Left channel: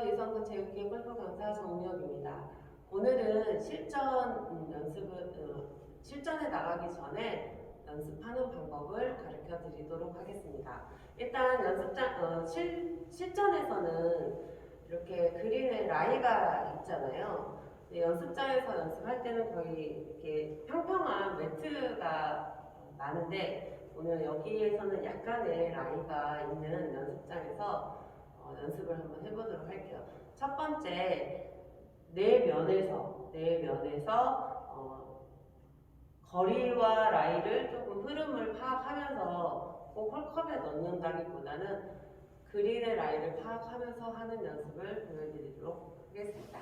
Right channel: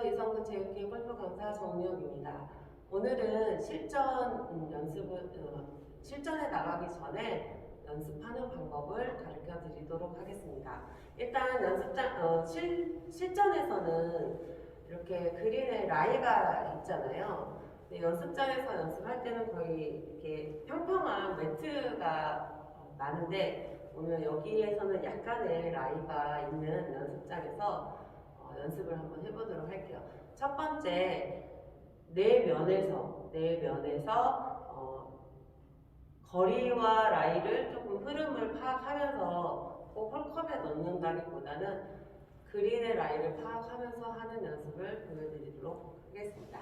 이성근 체육회 골프 강사 정미혁입니다. 오늘은 실전 음, 연습을 어, 실전에 나가기 전에 연습하는 방법을 가르쳐 드리도록 하겠습니다. 일단 연습장 어, 실, 실전에서는 이렇게 그린에 라이가 있잖아요. 연습장에서 연습할 때는 거의 이렇게 평평한 매트가 어, 많은데 오늘 여기에서는 약간의 라이가 있는 연습장에서 어, 연습을 한번 해보도록 할게요. 첫 번째 네 면에서 네 면에서 어, 거리와 라이를 조금 흐름을 파악하면서 꼭 홀컵에 넣는다기보다는 그린의 라이를 파악하면서 하는 연습을 보여드리도록 하겠습니다.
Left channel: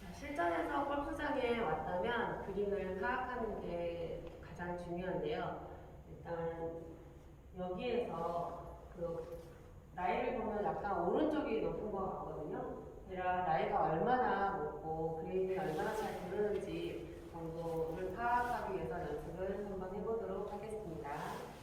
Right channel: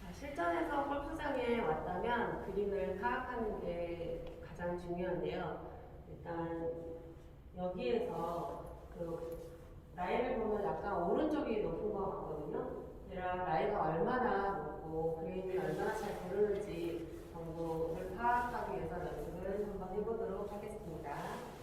자, 실전에서 골프장에 왔다면 그린을 파악하는 게 가장 중요한데요. 일단 여기에서 그 라이를 보면 약간 오른쪽이 높은 것 같거든요. 제가 라이가 얼마나 높고 그린이 얼마나 잘 고르는지 정보를 파악하기 위해서 연습을 한번 해보도록 하겠습니다.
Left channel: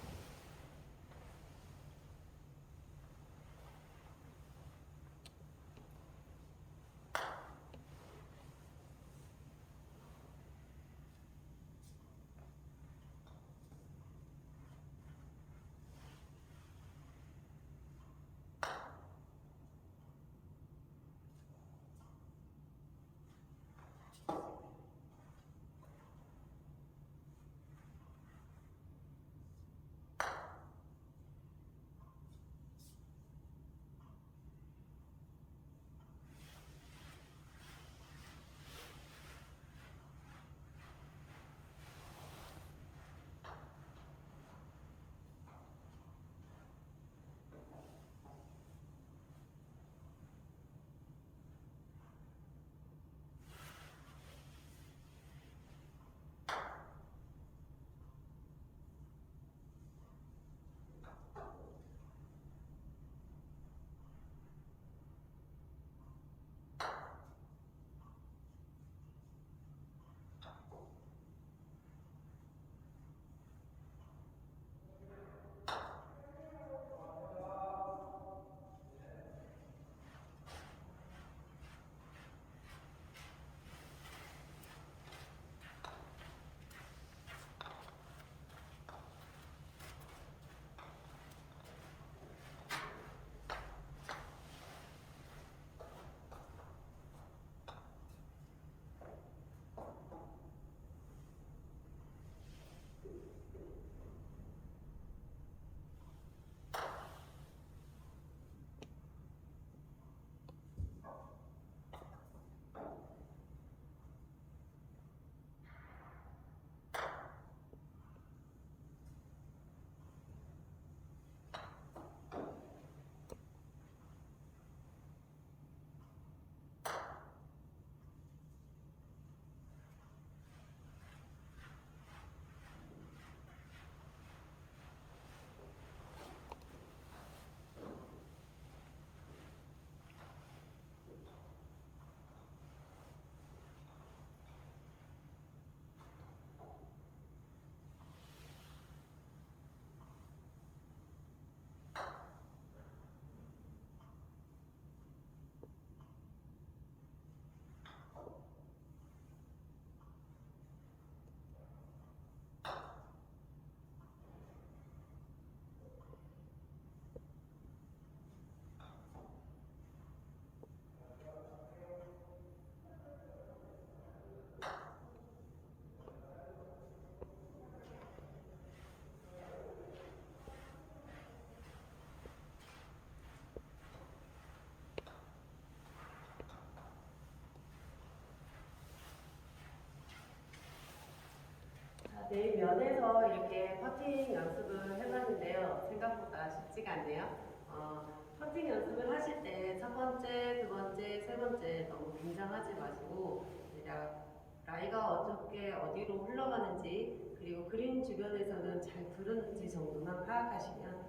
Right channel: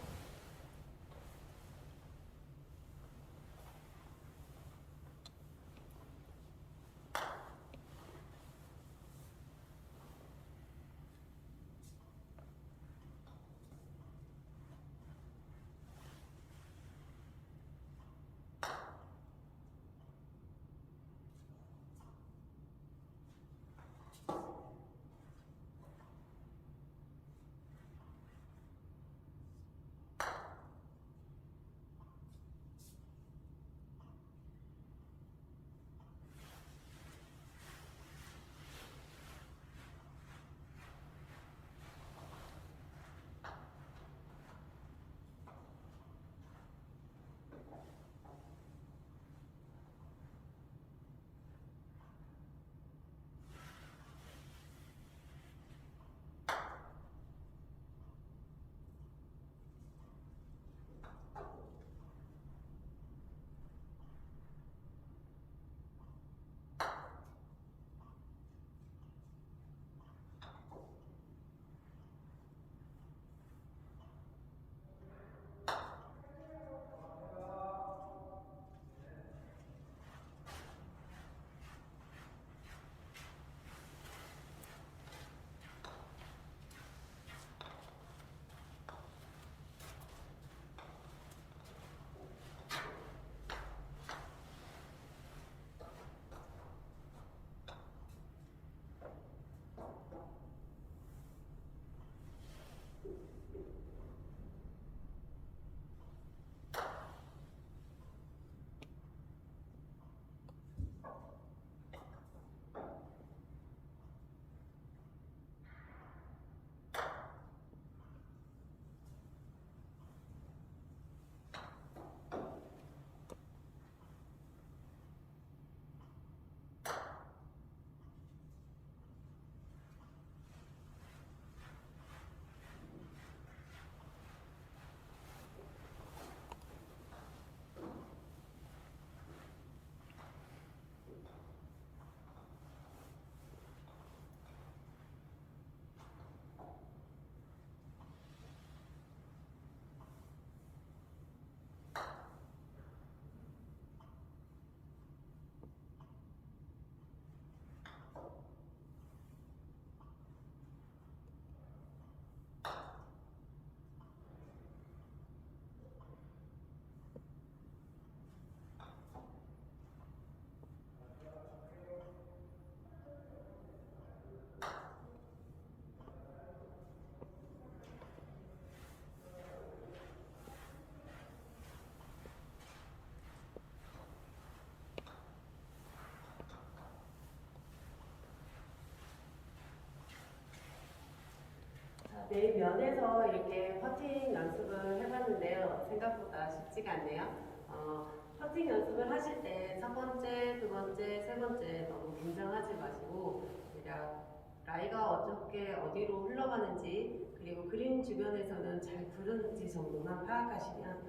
네 면에서 이렇게 퍼팅 연습을 해봤는데요. 생각보다 쉽지가 않네요. 어, 퍼팅 연습을 하실 때 첫 번째, 두 번째, 세 번째 너무 긴장하지 마시고 대략 라이가 어떻게 어디로 흘러가는지 그리고 그린 주변에서는 잘 구르는지 정도만 파악하시면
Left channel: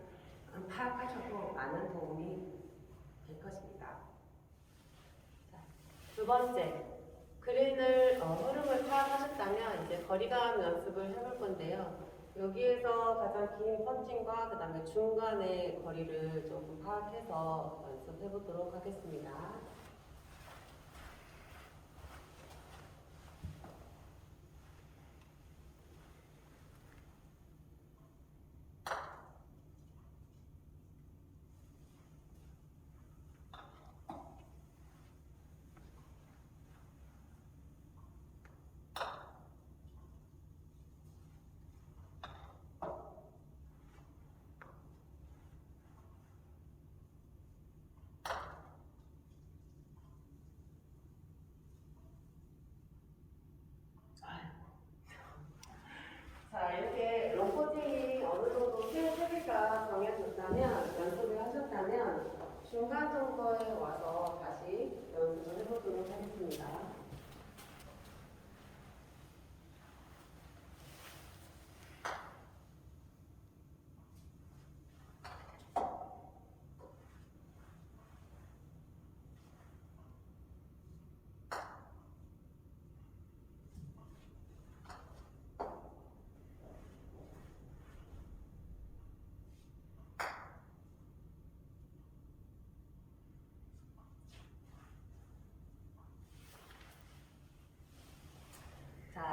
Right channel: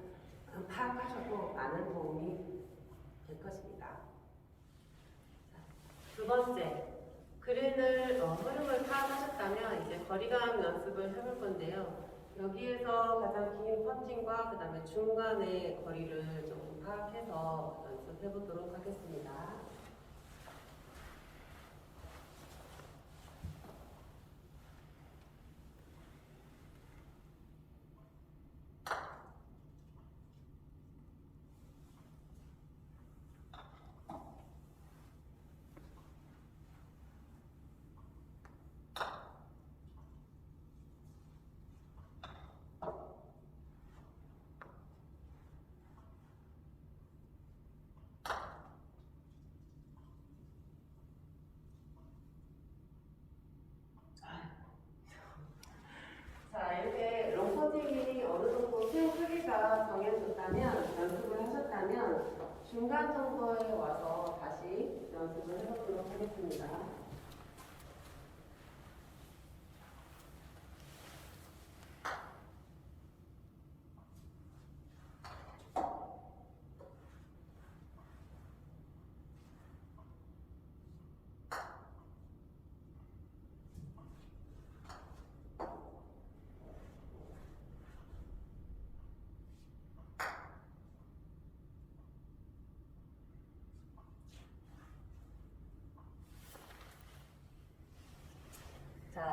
음, 파악하셔도 많은 도움이 될 것입니다. 자, 두 번째, 그린을 어, 흐름을 파악하셨다면 이제 거리감 연습을 해볼 건데요. 여기에서 가장 긴 퍼팅과 그 다음에 중간의 거리를 조금 파악해서 연습해 보도록 하겠습니다. 자, 이렇게 롱퍼팅이 어느 정도 스윙 크기가 정해졌다면, 연습을 하셨다면, 중간 정도에 와서 다시 연습을 해보도록 하겠습니다.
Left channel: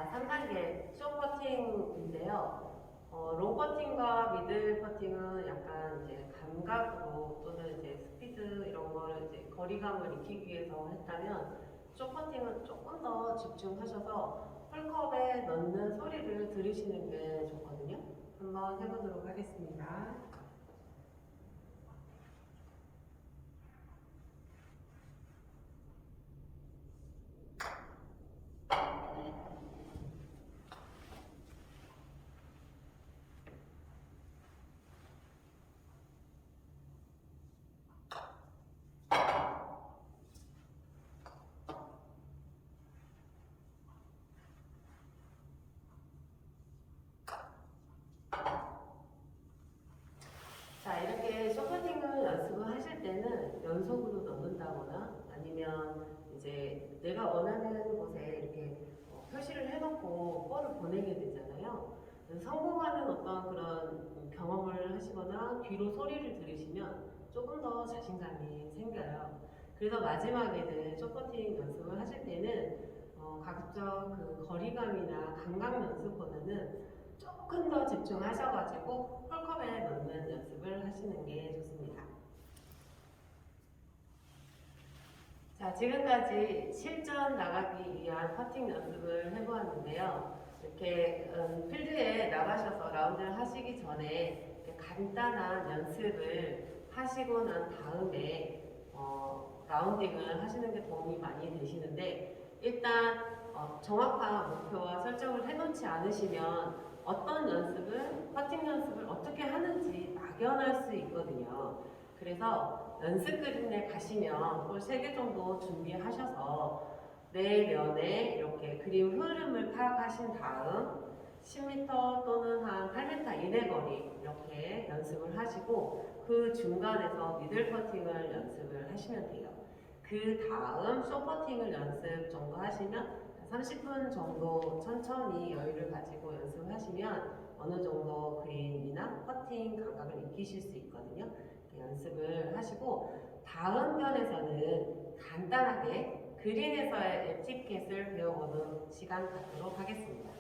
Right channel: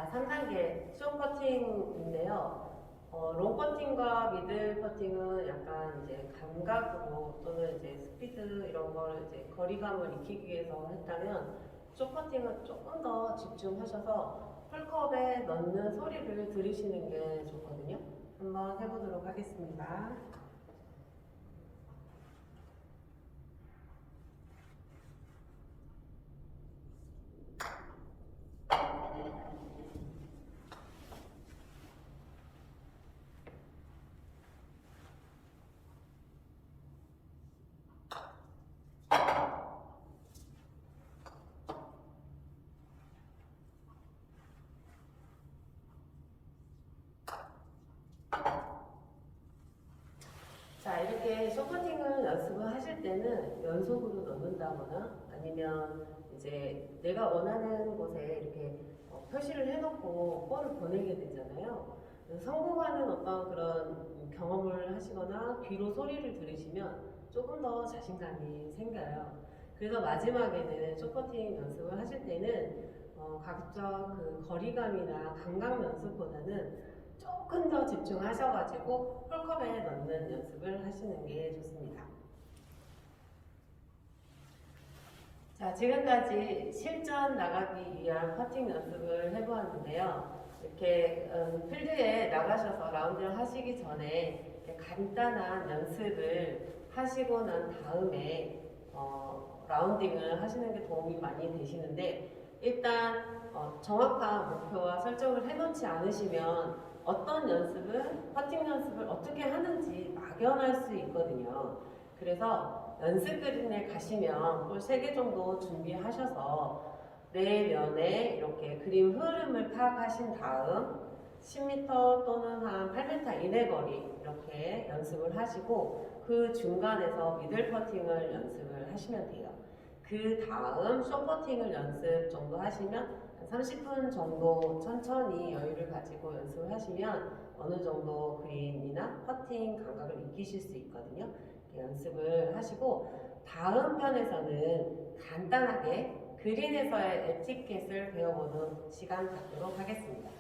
자, 3단계 쇼 퍼팅인데요. 어, 롱 퍼팅과 미들 퍼팅은 약간 이제 감각으로 또는 이제 스피드 이런 거를 이제 거리감을 익히기 위해서 했다면 쇼 퍼팅은 조금 더 집중하셔서 풀컵에 넣는 소리를 들으시는 게 좋거든요. 한번 해보도록 하겠습니다. 자, 이렇게 쇼퍼팅을 연습을 하실 때는 연속으로 넣는다거나 아니면 이제 내가 원하는 곳에 이렇게 어, 표시를 해놓고 볼을 보내게 되잖아요. 성공하는 어떤 그런 경험을 하시거나 귀로 소리를 들으시면 조금 더 자신감이 생겨요. 그래서 마지막에는 쇼퍼팅 연습을 하실 때는 어, 각적 그 거리감이나 감각 연습보다는 조금 더 집중하셔가지고 홀컵에 넣는 연습을 하시는 게 좋습니다. 자, 지금까지 실전 나가기 위한 퍼팅 연습을 해보았는데요. 이렇게 음, 필드에 나가셔서 라운드를 하시기 전에 간단한 연습을 하시고 난 다음에 어, 라운딩을 하시는 게 도움이 많이 되시는데 일단 어, 정확한 목표와 설정을 해놓지 않으시면 어떤 연습을, 퍼팅 연습을 어떻게 하는지 막연할 수 있거든요. 그래서 연습 그린에 가시면 볼 3개 정도 준비하셔서 내면에 이렇게 그림 흐름을 파악하신 다음 10m 또는 한 8m 이내 거리 이렇게 연습을 하시고 그 중간에서 미들 퍼팅을 연습을 하시면 돼요. 그 다음 쇼 퍼팅을 연습 정도 하시면 한 30분 정도 천천히 여유를 가지고 연습을 하시면 어느 정도 그린이나 퍼팅 감각을 익히실 수 있거든요. 연습을 하시고 다음 편에서는 간단하게 그린에서의 에티켓을 배워보는 시간 갖도록 하겠습니다.